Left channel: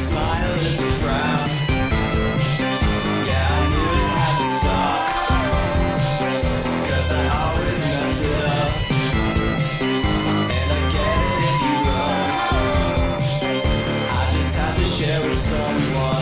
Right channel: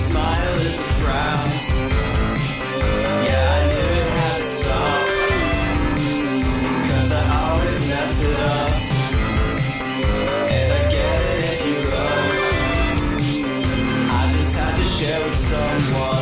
smile is a frown. Yeah, I knew it had to stop, 'cause I always mess it up. And I get it if you run, I just had to share with someone.